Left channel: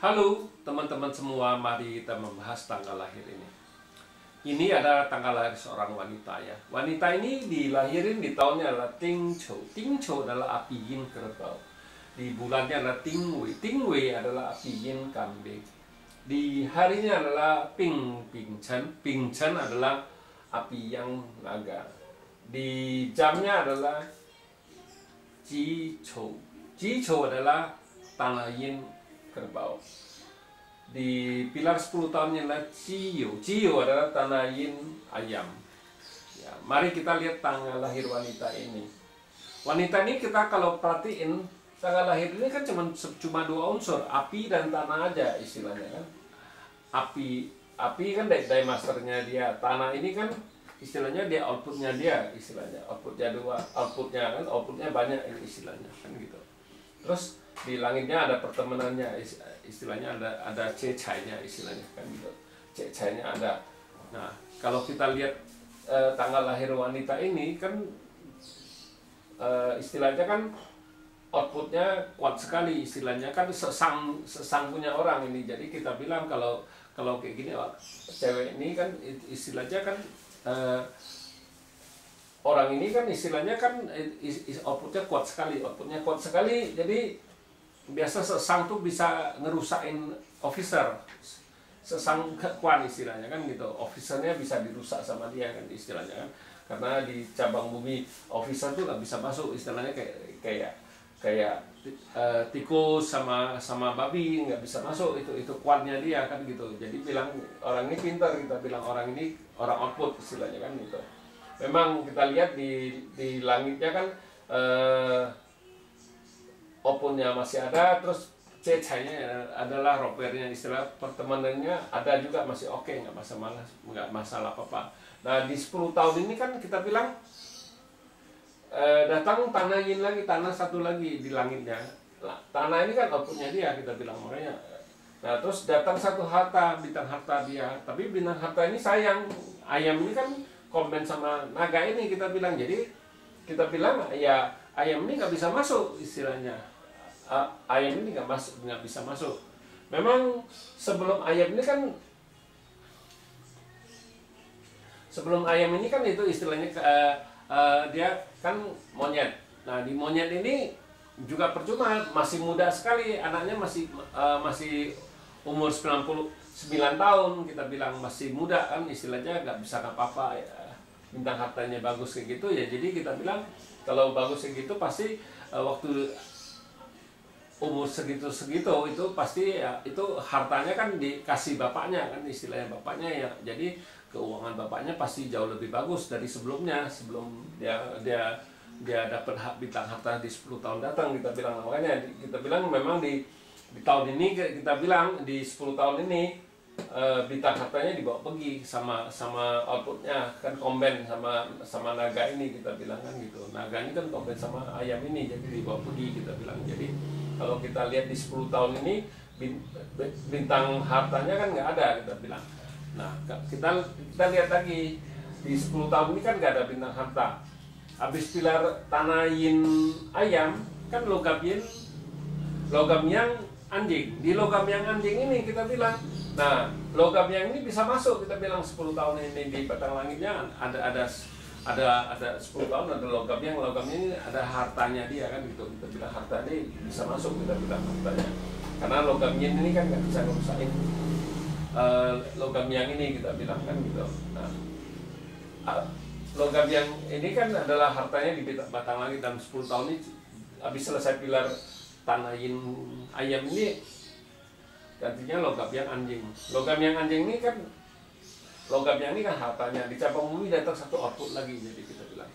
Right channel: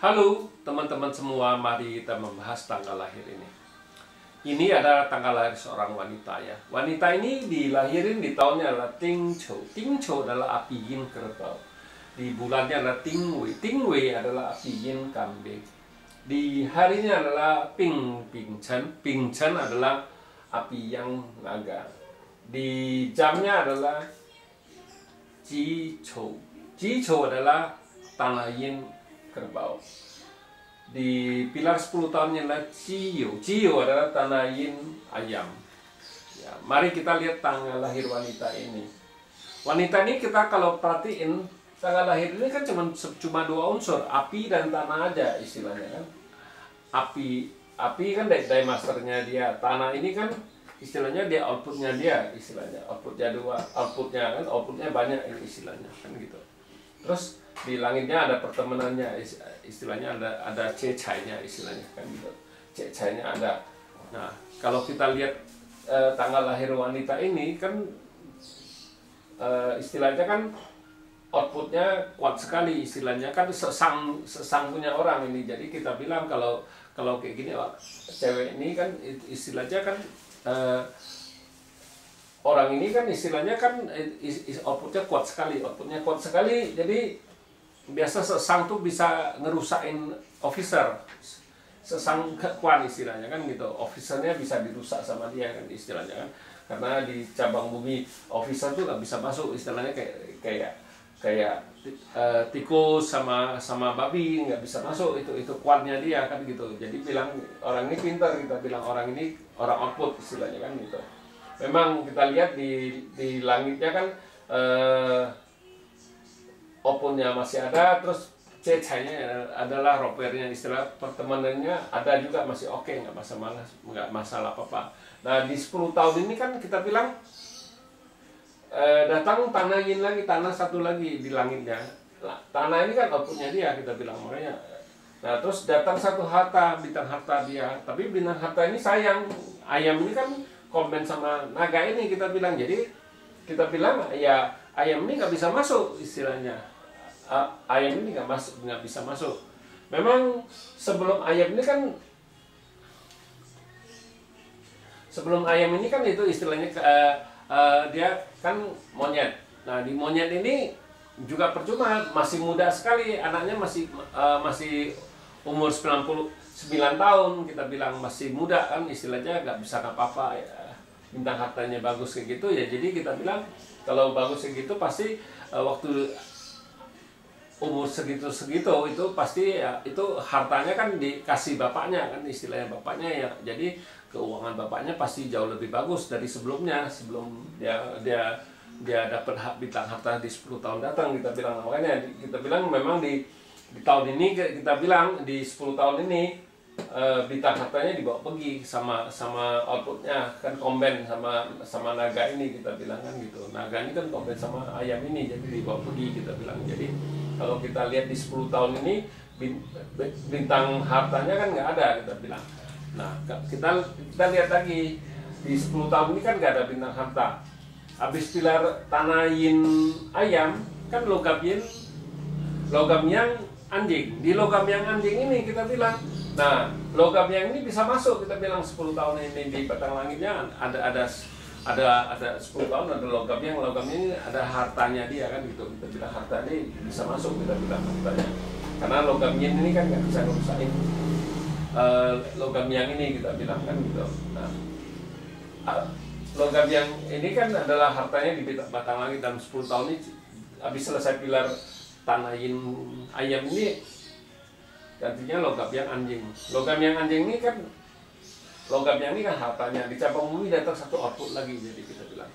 Halo teman-teman semua, mari kita membahas tanggal lahir ini. Ini adalah tanggal lahir seorang wanita ya. Wanita ini dilahirin di tahunnya adalah Ting Chou. Ting Chou adalah api yin kerbau. Di bulannya adalah Ting Wei. Ting Wei adalah api yin kambing. Di harinya adalah Ping Ping Chen. Ping Chen adalah api yang naga. Di jamnya adalah Ji Chou. Ji Chou adalah tanah yin kerbau. Di pilar 10 tahunnya adalah Ciyo. Ciyo adalah tanah yin ayam. Ya, mari kita lihat tanggal lahir wanita ini. Wanita ini kita kalau perhatiin tanggal lahir ini kan cuma dua unsur, api dan tanah aja istilahnya kan. Api kan dari masternya dia. Tanah ini kan istilahnya dia outputnya dia istilahnya. Outputnya banyak ini istilahnya kan gitu. Terus di langitnya ada pertemanannya istilahnya, ada cecainya istilahnya kan gitu. Cecainya ada. Nah, kalau kita lihat tanggal lahir wanita ini kan istilahnya kan outputnya kuat sekali istilahnya kan, sesang punya orang ini. Jadi kita bilang kalau kayak gini cewek ini kan istilahnya kan orang ini kan istilahnya kan outputnya kuat sekali. Jadi biasa sesang tuh bisa ngerusakin officer, sesang kekuan istilahnya kan gitu. Officernya bisa dirusak sama dia kan istilahnya kan, karena di cabang bumi officer tuh nggak bisa masuk istilahnya, kayak tikus sama babi nggak bisa masuk, itu kuatnya dia kan gitu. Jadi bilang orang ini pintar, kita bilang orang ini orang output istilahnya kan gitu. Memang kita lihat di langitnya kan outputnya masih ada, terus cecainya adalah ropernya, istilah pertemanannya ada juga masih oke, nggak masalah apa-apa. Nah di 10 tahun ini kan kita bilang datang tanah yin lagi, tanah satu lagi di langitnya. Tanah ini kan outputnya dia, kita bilang makanya. Nah terus datang satu harta, bintang harta dia, tapi bintang harta ini sayang, ayam ini kan komen sama naga ini kita bilang. Jadi kita bilang ya ayam ini nggak bisa masuk istilahnya. Ayam ini nggak bisa masuk. Memang sebelum ayam ini kan itu istilahnya dia kan monyet. Nah di monyet ini juga percuma, masih muda sekali anaknya, masih umur 99 tahun, kita bilang masih muda kan istilahnya, nggak bisa apa-apa ya. Bintang hartanya bagus kayak gitu ya, jadi kita bilang kalau bagus kayak gitu pasti waktu umur segitu itu pasti ya, itu hartanya kan dikasih bapaknya kan istilahnya, bapaknya ya. Jadi keuangan bapaknya pasti jauh lebih bagus dari sebelum dia dapat bintang harta di 10 tahun datang, kita bilang. Makanya kita bilang memang di tahun ini kita bilang di 10 tahun ini bintang hartanya dibawa pergi sama outputnya kan, komben sama naga ini, kita bilang kan gitu. Naga ini kan komben sama ayam ini, jadi dibawa pergi, kita bilang. Jadi kalau kita lihat di 10 tahun ini bintang hartanya kan nggak ada, kita bilang. Nah kita lihat lagi di 10 tahun ini kan nggak ada bintang harta. Habis pilar tanah yin ayam kan logam yang anjing. Di logam yang anjing ini kita bilang, nah logam yang ini bisa masuk, kita bilang 10 tahun ini di batang langitnya ada 10 tahun ada logam ini ada hartanya dia kan gitu. Kita bilang harta ini bisa masuk, kita bilang hartanya, karena logam yin ini kan nggak bisa ngerusakin logam yang ini, kita bilang kan gitu. Nah logam yang ini kan adalah hartanya di batang langit dalam 10 tahun ini. Habis selesai pilar tanah yin ayam ini gantinya logam yang anjing. Logam yang anjing ini kan hartanya di cabang bumi datang satu output lagi. Jadi kita bilang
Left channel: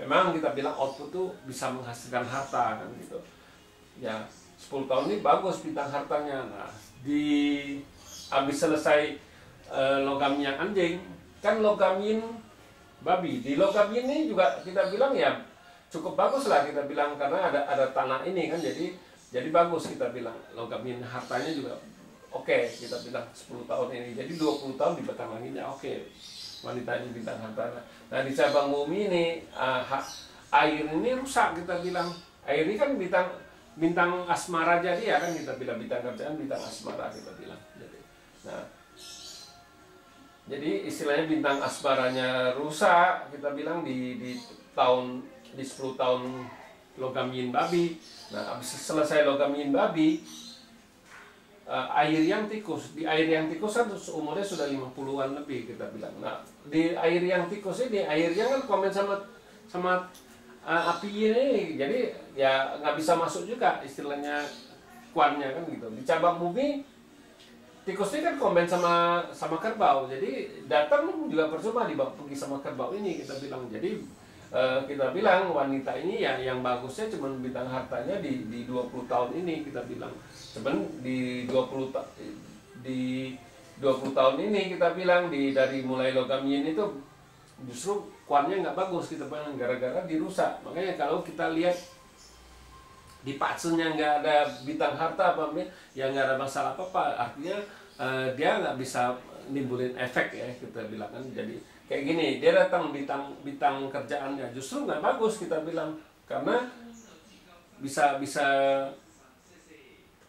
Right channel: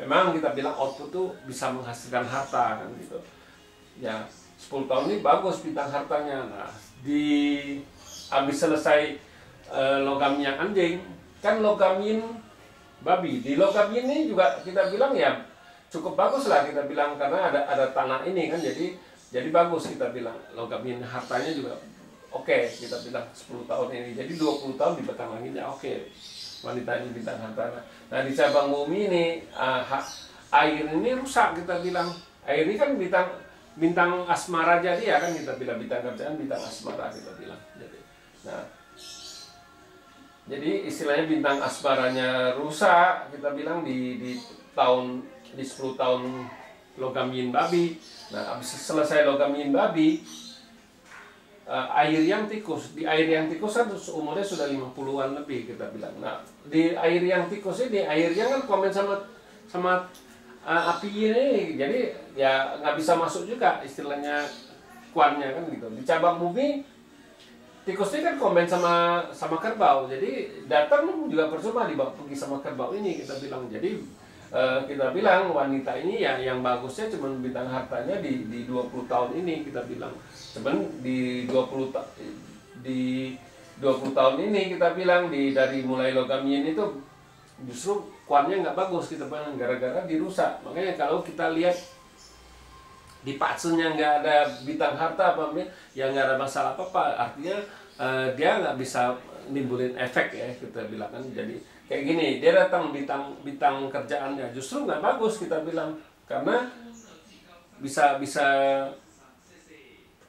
memang kita bilang output tuh bisa menghasilkan harta kan gitu ya. 10 tahun ini bagus bintang hartanya. Nah habis selesai logam yang anjing kan logam yin babi. Di logam yin ini juga kita bilang ya cukup bagus lah, kita bilang, karena ada tanah ini kan, jadi bagus, kita bilang. Logam yin hartanya juga oke, kita bilang 10 tahun ini. Jadi 20 tahun di batang langitnya oke. Wanita ini bintang harta. Nah di cabang bumi ini air ini rusak, kita bilang. Air ini kan bintang bintang asmara jadi ya kan, kita bilang bintang kerjaan, bintang asmara kita bilang. Jadi istilahnya bintang asmaranya rusak, kita bilang di 10 tahun logam yin babi. Nah, habis selesai logam yin babi, air yang tikus. Di air yang tikus kan umurnya sudah 50-an lebih kita bilang. Nah, di air yang tikus ini, air yang kan komen sama api ini, jadi ya nggak bisa masuk juga istilahnya kuannya kan gitu. Di cabang bumi, tikus ini kan komen sama kerbau, jadi datang juga percuma dibawa pergi sama kerbau ini kita bilang. Jadi kita bilang wanita ini ya yang bagusnya cuma bintang hartanya di 20 tahun ini kita bilang. Cuman di 20 tahun ini kita bilang dari mulai logam yin itu justru kuannya nggak bagus kita bilang, gara-gara dirusak. Makanya kalau kita lihat di patsunya nggak ada bintang harta apa ya nggak ada masalah apa, artinya dia nggak bisa nimbulin efek ya kita bilang kan. Jadi kayak gini, dia datang bintang kerjaannya justru nggak bagus kita bilang, karena bisa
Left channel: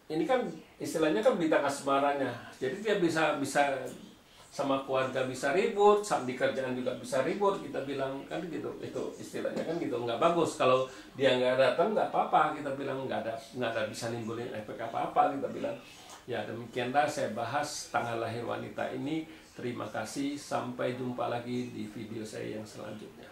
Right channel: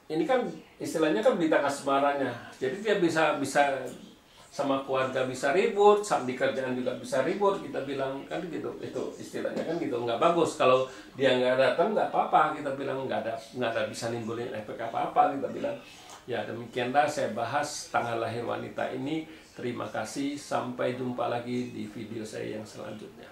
ini kan istilahnya kan bintang asmaranya, jadi dia bisa sama keluarga bisa ribut, sama di kerjaan juga bisa ribut kita bilang kan gitu. Itu istilahnya kan gitu, nggak bagus. Kalau dia nggak datang nggak apa-apa kita bilang, nggak ada bisa nimbulin efek apa-apa kita bilang. Ya demikianlah saya bahas tanggal lahir wanita ini. Terima kasih, sampai jumpa lagi di video saya yang selanjutnya.